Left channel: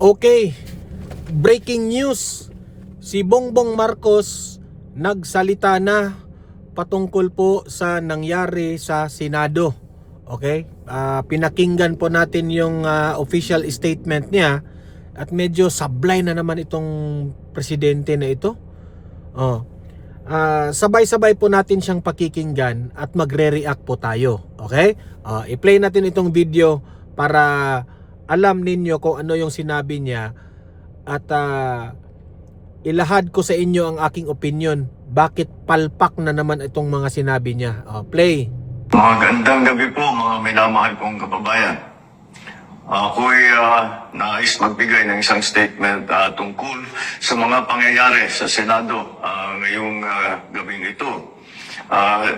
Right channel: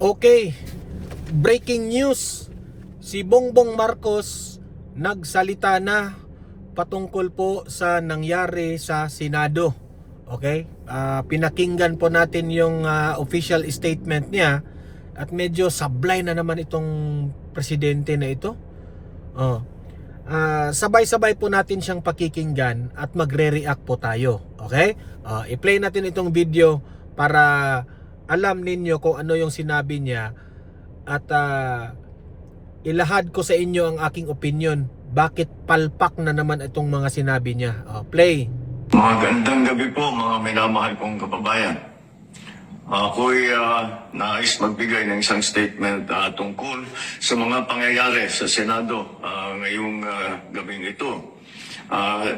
Okay, breaking news. Si Bongbong Marcos nagsalita na patungkol po sa nangyari sa Senado. Okay? Pinakinggan po natin yung official statement niya at medyo sablay na naman itong presidente na ito. Sabay-sabay po natin siyang pakikinggan at magre-react po tayo. Okay? I-play natin itong video para alam ninyo kung ano yung sinabi niya at ilahad ko sa inyo ang aking opinion. Bakit palpak na naman itong mga sinabi niya? Play. Magandang gabi po mga minamahal kong kababayan. Ako'y nais magbigay ng isang statement tungkol sa mga pangyayari sa Senado ngayong gabing ito.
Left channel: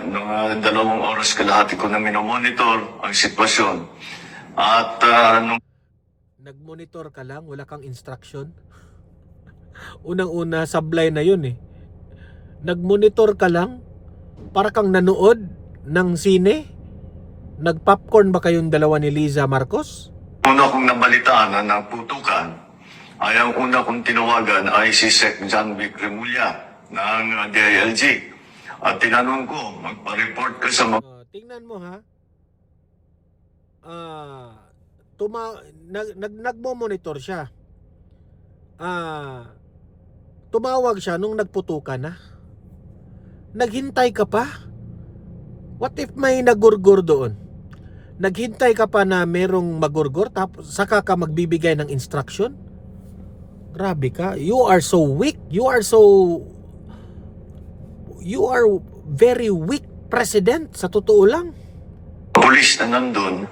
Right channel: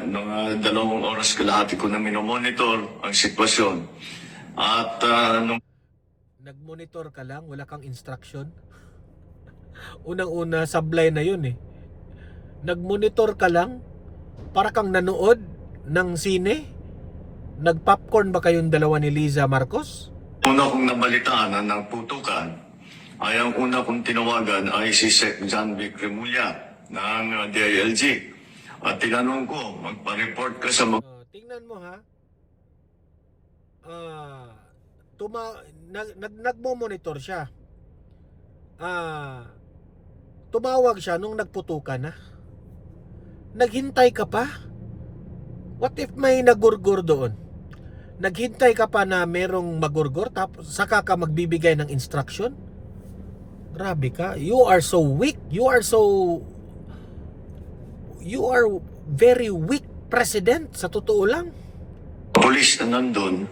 Noong 2 oras kalahati ko na minomonitor ang sitwasyon. At nagmonitor ka lang, wala kang instruction. Unang-una, sablay na yun eh. Nagmonitor ka lang, para kang nanood ng sine. Nagpopcorn ba kayong dalawa ni Liza Marcos? una kong nabalitaan na naputukan ay ang una kong tinawagan ay si Sec. John Vic Remulla ng DILG. At tinanong ko, magpa-report ka sa tingnan mo ha. Nagmo-monitor siya. Tumawag siya nung nagputukan na. Naghintay ka pa? What if may nagurgur doon? Naghintay ka pa na merong magurgur tapos saka ka magbibigay ng instruction? Grabe ka. You are so weak. You are very weak president sa totoo lang. Pulis na nandun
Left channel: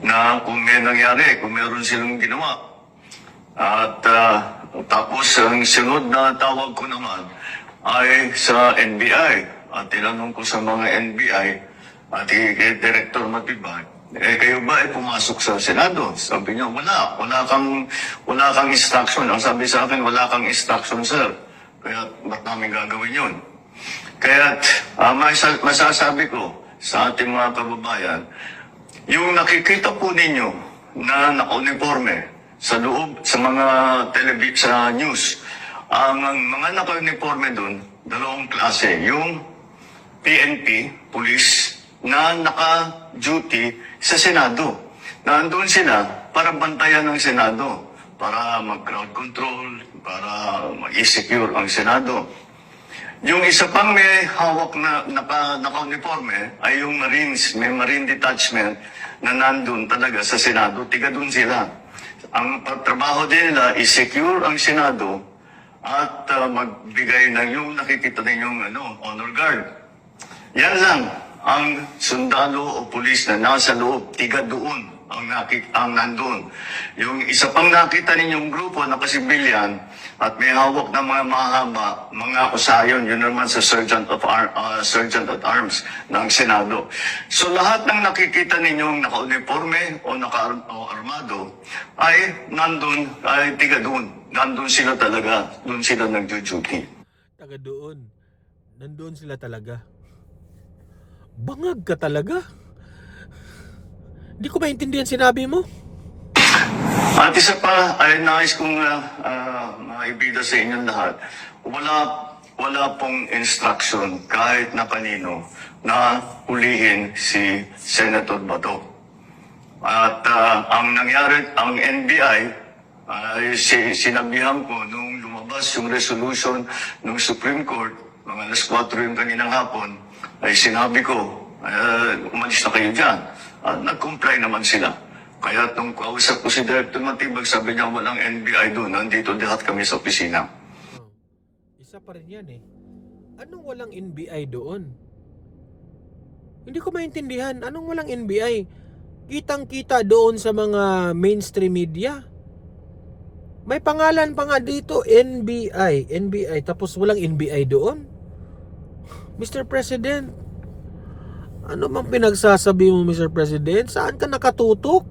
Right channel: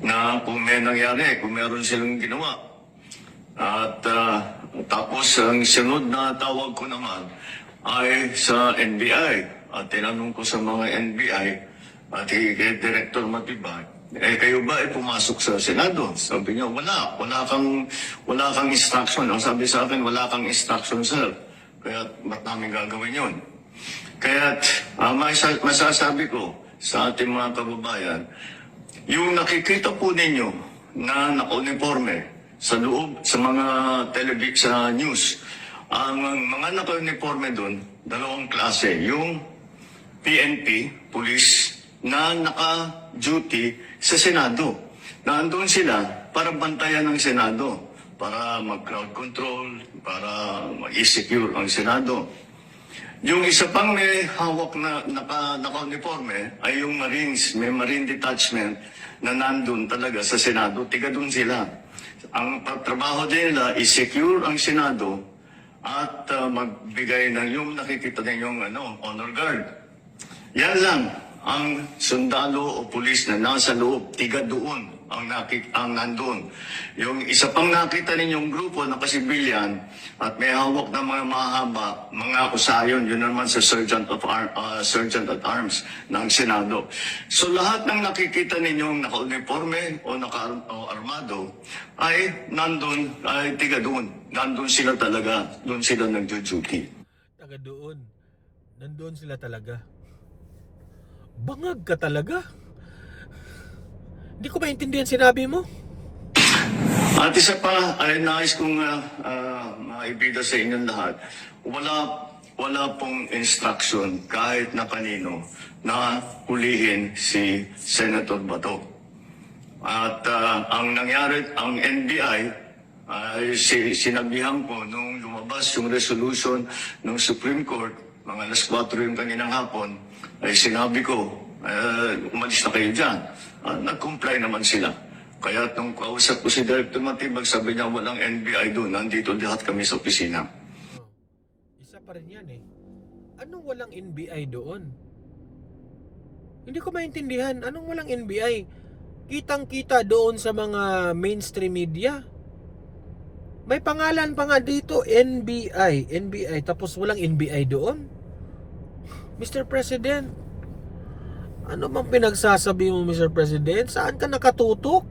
na kung may nangyari, kung meron silang ginawa. At tapos ang sunod na tawag ko naman ay sa NBI. At tinanong ko sa mga NBI at kay Director Matibag, kayo ba ay pumasok sa Senado? Sabi niya, wala kang instruction. Ang sabi sa akin, wala kang instruction, sir. Kaya ba't namin gagawin yun? Kaya masasabi ko sa ating mga kababayan, yung nakikita po ninyo na naka-uniforme sa loob, sa mga sa news, ang mga naka-uniforme doon, dalawang klase, yung PNP, police, na naka-duty sa Senado. Nandun sila para bantayan ng Senado, para mag-crowd control, para mag-secure ang Senado. Yung isa pang may hawak na naka-uniforme ay yung Marines, may Marine Detachment na nandun talaga sa Senado, tiga dun sila. Ang pagtrabaho nila is secure ang Senado at magbigay ng yung nakikita ninyong honor guard. Yan lang ang sundalo o pulis na nasa loob, tiga doon ang nandun. Yung isa pang nakita ninyong grupo na kasibilyan at may hawak na mga mahaba, mga usayon, yun naman sa Sergeant at Arms ng Senado. So lahat ng nakikita ninyong naka-uniforme o naka-armado ay nandun, ay tiga doon. Nandun sila talaga, doon sila nagjo-duty. Taga doon. Nandun sila talaga. Bangag ka talaga. Hindi ko maintindihan sinabi mo. At isa pa ay nais kong maibida sa inyong lahat. Wala pong instruction kahit na kanino na hulihin si Senator Bato. At ang nangyari, ang NBI, sinabihan ko nung lumabas yung resolution ng Supreme Court, mga alas 4 yung kaninang hapon, ay sinabi ko, umalis na kayo dyan. Nag-comply naman sila. Kaya nung kausap ko si Director Matibag, sabi niya walang NBI doon, nandito lahat kami sa opisina. Isa pa rin yan eh. Anong walang NBI doon? Hindi ko maintindihan. Anong walang NBI? Kitang-kita doon sa mga mainstream media. May pangalan pa nga dito, NBI. NBI, tapos walang NBI doon? Mr. President, ano bang pinagsasabi mo, Mr. President? Saan ka nakatutok?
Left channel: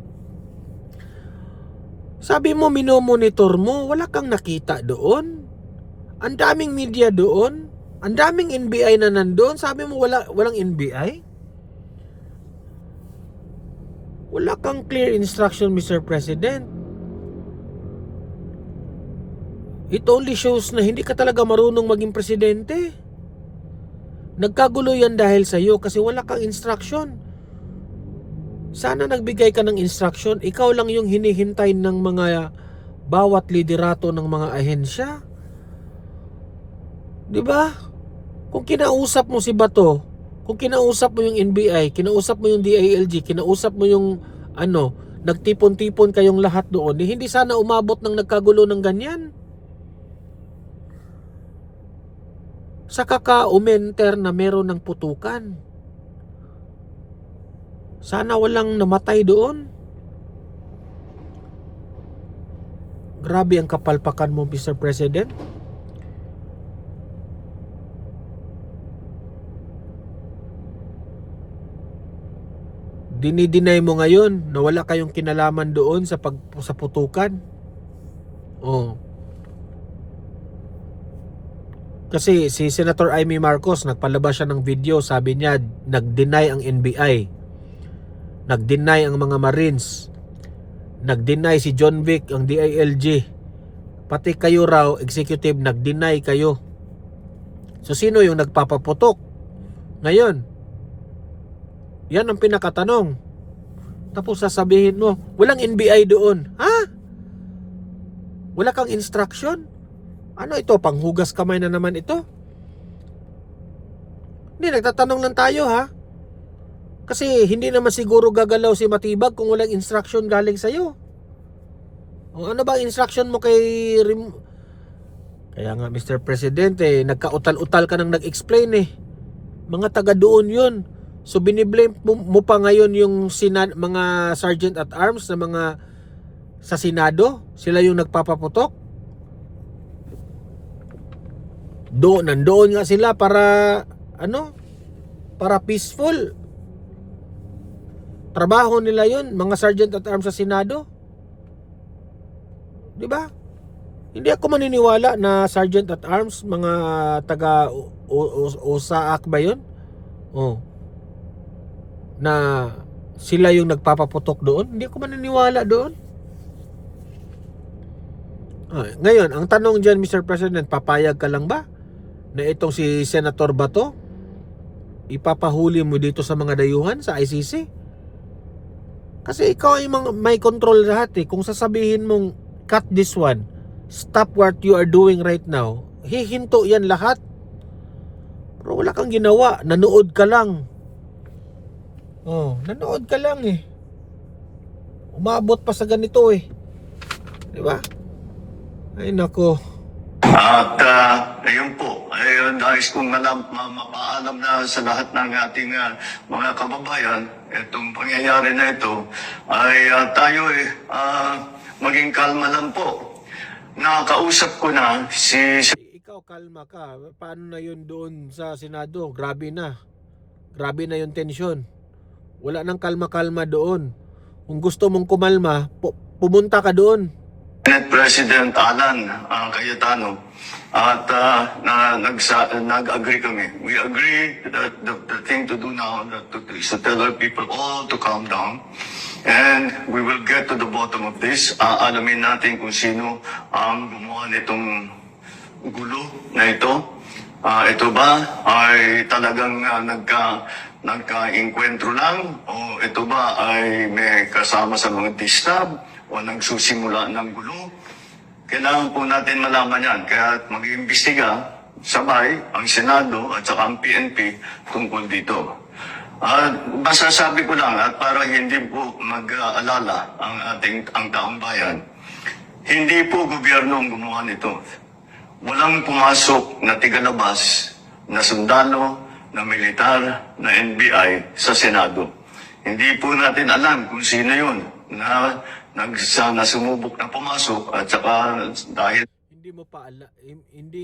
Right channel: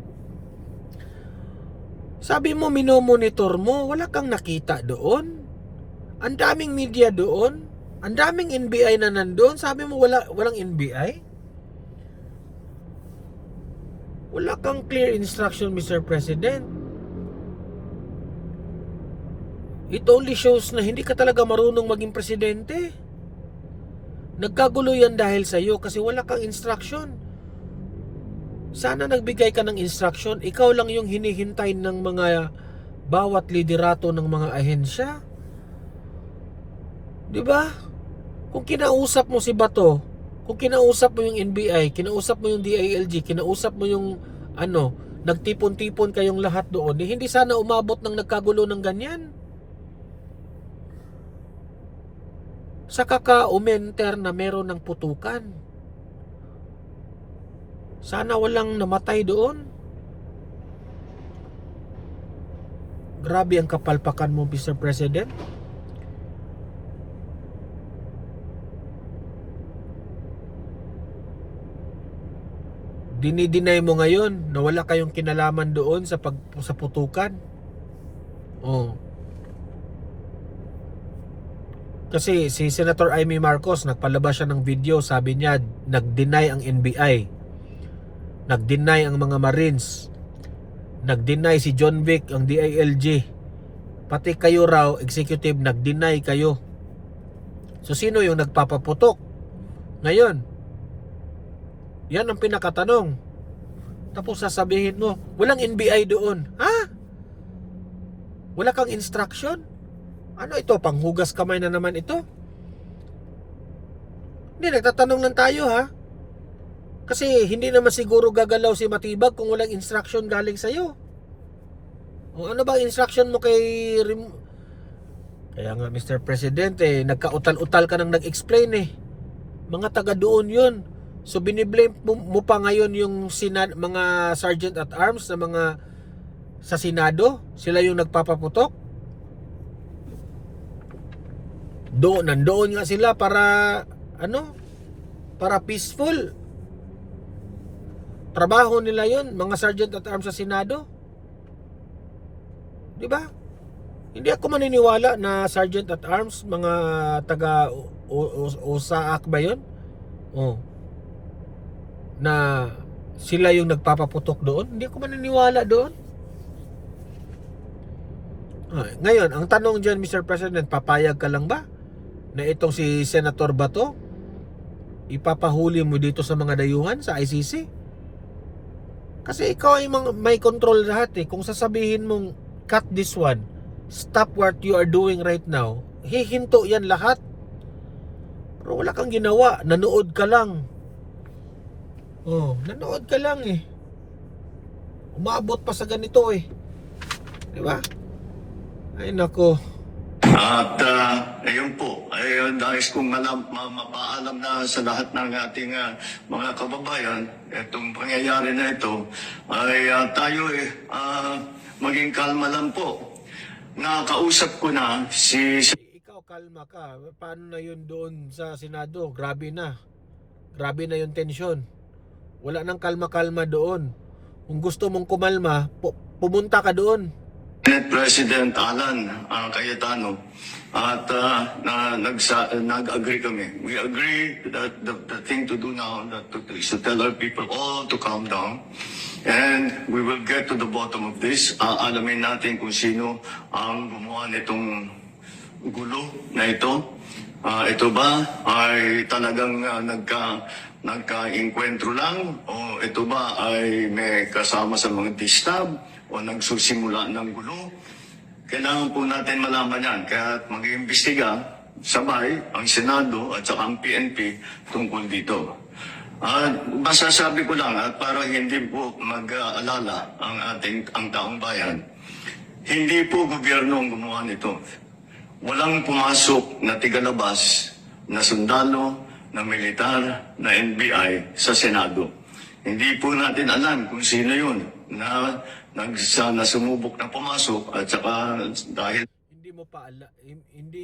Sabi mo, minomonitor mo, wala kang nakita doon. Ang daming media doon. Ang daming NBI na nandoon. Sabi mo, walang NBI? Wala kang clear instruction, Mr. President. It only shows na hindi ka talaga marunong maging presidente. Nagkagulo yan dahil sa iyo kasi wala kang instruction. Sana nagbigay ka ng instruction, ikaw lang yung hinihintay ng mga bawat liderato ng mga ahensya. 'Di ba? Kung kinausap mo si Bato, kung kinausap mo yung NBI, kinausap mo yung DILG, kinausap mo yung nagtipon-tipon kayong lahat doon, hindi sana umabot ng nagkagulo ng ganyan. Sa kaka-umenter na meron ng putukan. Sana walang namatay doon. Grabe ang kapalpakan mo, Mr. President. Dinideny mo ngayon na wala kayong kinalaman doon sa putukan. Oh. Kasi si Senator Amy Marcos nagpalabas siya ng video, sabi niya nag-deny ang NBI. Nag-deny ang mga Marines. Nag-deny si John Vic, ang DILG. Pati kayo raw, executive, nag-deny kayo. So sino yung nagpapaputok? Ngayon, yan ang pinakatanong. Tapos sasabihin mo, walang NBI doon. Ha? Wala kang instruction? Ano ito? Panghugas kamay na naman ito? Hindi, nagtatanong lang tayo ha. Kasi hindi naman siguro gagalaw si Matibag kung walang instruction galing sa'yo. O ano ba instruction mo kay Kaya nga Mr. President nagkautal-utal ka nang nag-explain Mga taga doon yun. So biniblame mo pa ngayon yung mga sergeant at arms na mga sa Senado. Sila yung nagpapaputok. Nandoon nga sila para para peaceful. Trabaho nila yun, mga sergeant at arms sa Senado. Di ba? Hindi ako maniniwala na sergeant at arms, mga taga USAAC ba yun? Oh. Na sila yung nagpapaputok doon. Hindi ako maniniwala doon. Ngayon, ang tanong dyan, Mr. President, papayag ka lang ba na itong si Senator Bato ipapahuli mo dito sa mga dayuhan sa ICC? Kasi ikaw ay may control lahat Kung sasabihin mong cut this one, stop what you are doing right now, hihinto yan lahat. Pero wala kang ginawa, nanood ka lang. Nanood ka lang Umabot pa sa ganito Di ba? Ay nako. At ayun po, nais kong mapaalam na sa lahat ng ating mga kababayan, itong pangyayari na ito, ay tayo maging kalma lang po. Nakausap ko na si... Ikaw kalma ka, paano na yun doon sa Senado? Grabe na yung tensyon. Wala nang kalma-kalma doon. Kung gusto mong kumalma, pumunta ka doon. Senate President Alan Cayetano at nag-agree kami. We agree that the thing to do now is to tell our people all to calm down and we will get to the bottom of this. Alamin natin kung sino ang gumawa nitong gulo na ito. Ito ba ay talagang nagka-inkwentro lang o ito ba ay may kasama sa mga distab o nagsusimula ng gulo? Kailangan po natin malaman yan. Kaya mag-iimbestiga sabay ang Senado at saka ang PNP tungkol dito. Masasabi ko lang at para hindi po mag-alala ang taong bayan, hindi po gobyerno ang gumawa nito. Walang pumasok na tigalabas na sundalo, na militar, na NBI sa Senado. Hindi po natin alam kung sino yun na sumubok na pumasok at saka dahil hindi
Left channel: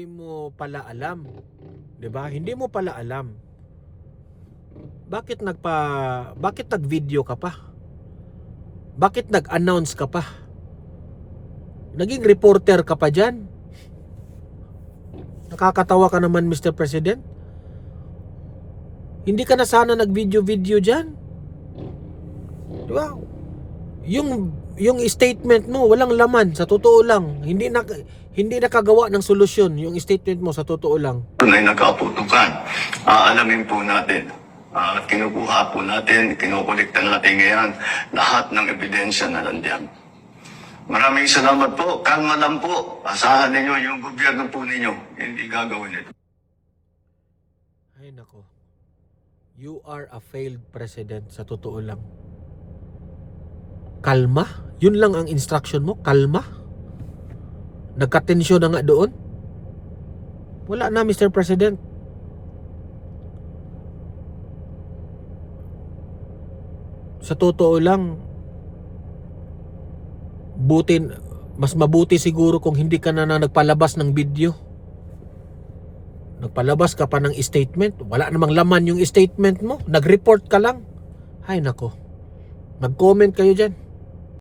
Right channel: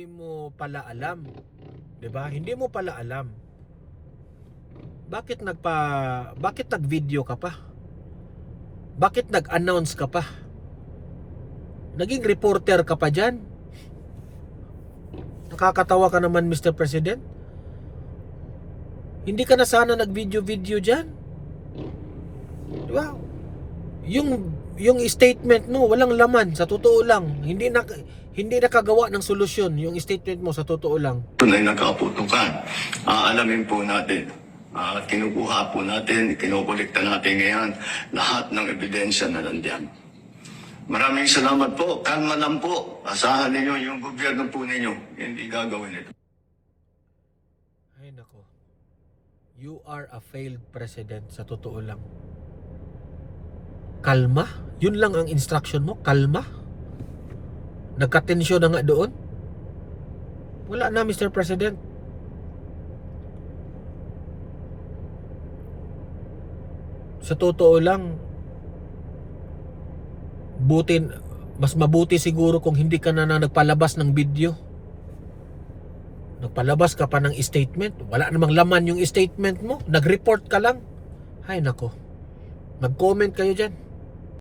mo pala alam, 'di ba? Hindi mo pala alam. Bakit nag-video ka pa? Bakit nag-announce ka pa? Naging reporter ka pa diyan? Nakakatawa ka naman, Mr. President. Hindi ka na sana nag-video diyan. 'Di ba? Yung statement mo walang laman, sa totoo lang. Hindi nakagawa ng solusyon yung statement mo sa totoo lang. tunay na kaputukan. Aalamin po natin at kinukuha po natin, kinukulikta natin ngayon lahat ng ebidensya na nandiyan. Maraming salamat po. Kalma lang po. Asahan ninyo yung gobyerno po ninyo. Hindi gagawin ito. Ay nako. You are a failed president sa totoo lang. Kalma? Yun lang ang instruction mo? Kalma? Nagkatensyon na nga doon? Wala na, Mr. President. Sa totoo lang, mas mabuti siguro kung hindi ka na nagpalabas ng video. Nagpalabas ka pa ng statement. Wala namang laman yung statement mo. Nag-report ka lang. Ay nako. Mag-comment kayo dyan.